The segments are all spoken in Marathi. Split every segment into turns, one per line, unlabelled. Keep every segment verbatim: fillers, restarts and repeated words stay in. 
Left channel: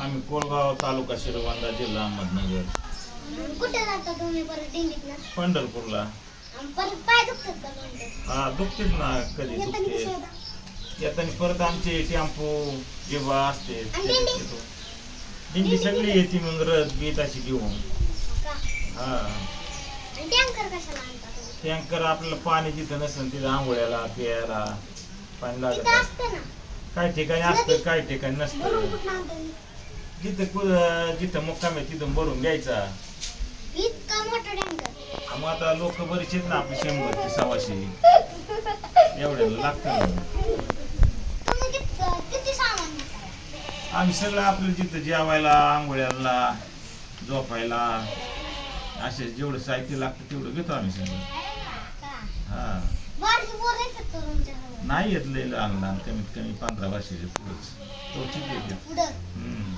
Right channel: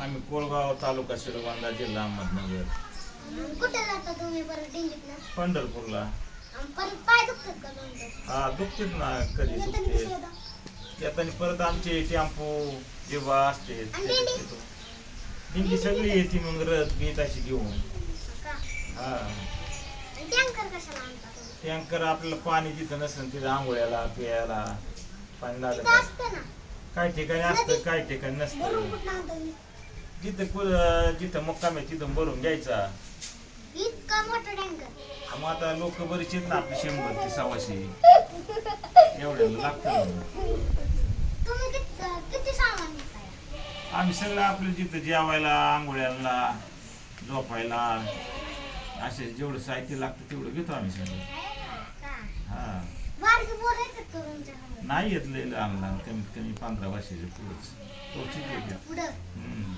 आम्ही कोळगाव तालुका शिरोबांधा जिल्हा अहमदनगर.
कुठे जाता तुम्ही परत दिंडीतला?
पंढरपूरला.
आणि परत पाय दुखतात का नंतर?
हा दुखतेच ना, कधी
येताना
दुखते.
कसं होता?
येताना परत आमचे टेम्पो जेव्हा असते
आणि
त्याच्यात
दिंडी?
येतो. दिंडी सगळी येते मग रथ बीत अशी घेऊन.
का?
हा
आणि टँकर कशाला आणता तुम्ही?
टँकर आपल्याला पाणी जिथं नसेल तिथं आंघोळ्याला प्यायला पाणी लागत
तिथं
नाही.
असते ना.
काही ठिकाणी असतं काही ठिकाणी
भरून
नसतं.
कुठं आणता तुम्ही?
जिथं कु- जिथं मुक्काम आहे तिथं भरून घ्यायचा.
इतका मोठा टँकर.
हा, मग आता लोक बरीच आहेत ना आपली शंभर ते सव्वाशे एवढ्याला लागतं ना.
तुम्ही कित- किती सामान नेताय?
आम्ही सगळं आपलं जिथं जेवायला आंघोळ्याला झोपायला असे जेवढं साहित्य लागतं तेवढं घेतो आम्ही सगळं.
का?
हा
बारकी पोरं येतात का तुमच्याकडे?
नाही येत लय लहान लहान कमीत कमी पंधरा वर्षाचे पुढंच तोचीच येते.
पुढं.
हम्म.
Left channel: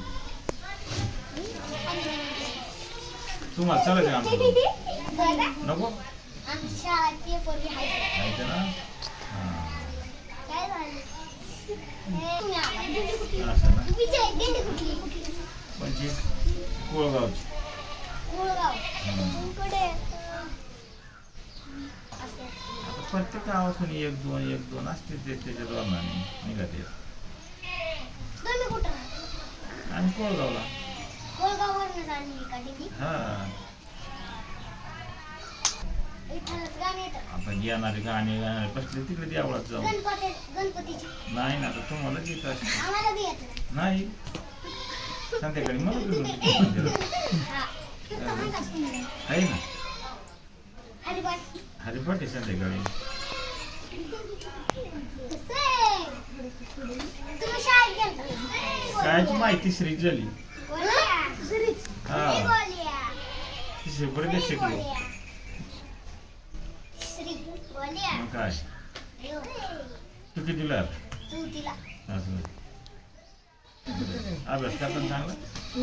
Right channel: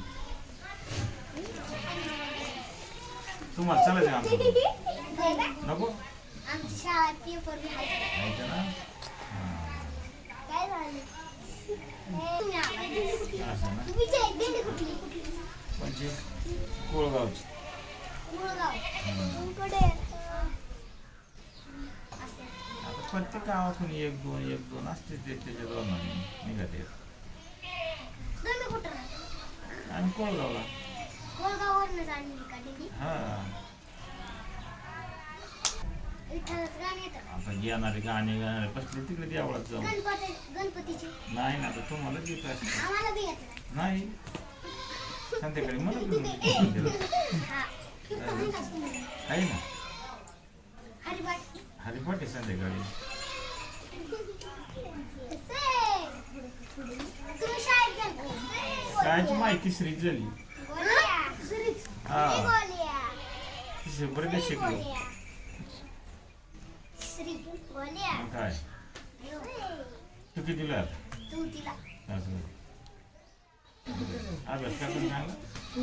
तुम्हाला चालायचं आमचं नको
आमची शाळा पेपर बी आहे.
माहिती ना. हा
काय झालं? तुम्ही आला. दिंडी कुठली?
असं ना.
तुम्ही जे- दिंडी कुठली? कुठली?
म्हणजे कोळगावची.
मुळगाव.
हम्म.
कुठे? असं.
आता प्रत्येक गावातून एक दोन एक दोन असते ते त्याच्या धोरणाने निघते.
तुम्ही कुठं राहता?
आणि कोळगावला.
कोळगाववरनं चालली का दिंडी?
हा
विठ्ठलाचं गाणं येतं का?
आता येणारे गाणे गाणारे बसले तिकडे देवळात जाऊ.
गणपती गणपतीची
नाही ना आता तुम्हाला येत असेल.
आम्हाला बी येत
नाही संध्याकाळी मला घेऊन ये मंदिरात.
हा तिथं आहे का सुंदर?
आहे ना
हरिभाट.
हरिपाठ आहे संध्याकाळी.
तुम्ही शाळेत गेलता?
कायची माहिती श्री झाली.
हं? श्रीच.
हा
बोलिया.
तिसरी पर्यंत शिकलो.
श्री बोलिया.
मग काय
अयो.
तू कितीला
चौथीला.
असं अभ्यास करताना चांगला.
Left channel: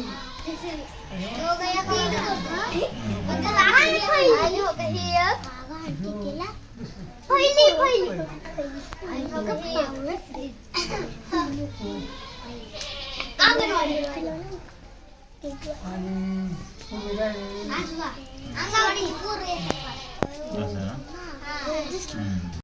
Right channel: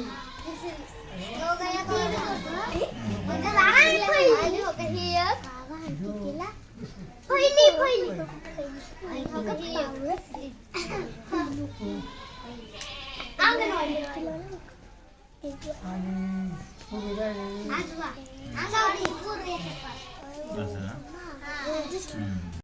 दोघं एक वर्ग होतं. पण त्याला आठवीला आली हो का ही एक? कितीला? पहिली पहिली. आणि बघा पावलं. अंगणवाडी. आजवा. अंगणवाडी पोरं येतात.
असं ना.
हा.
हम्म.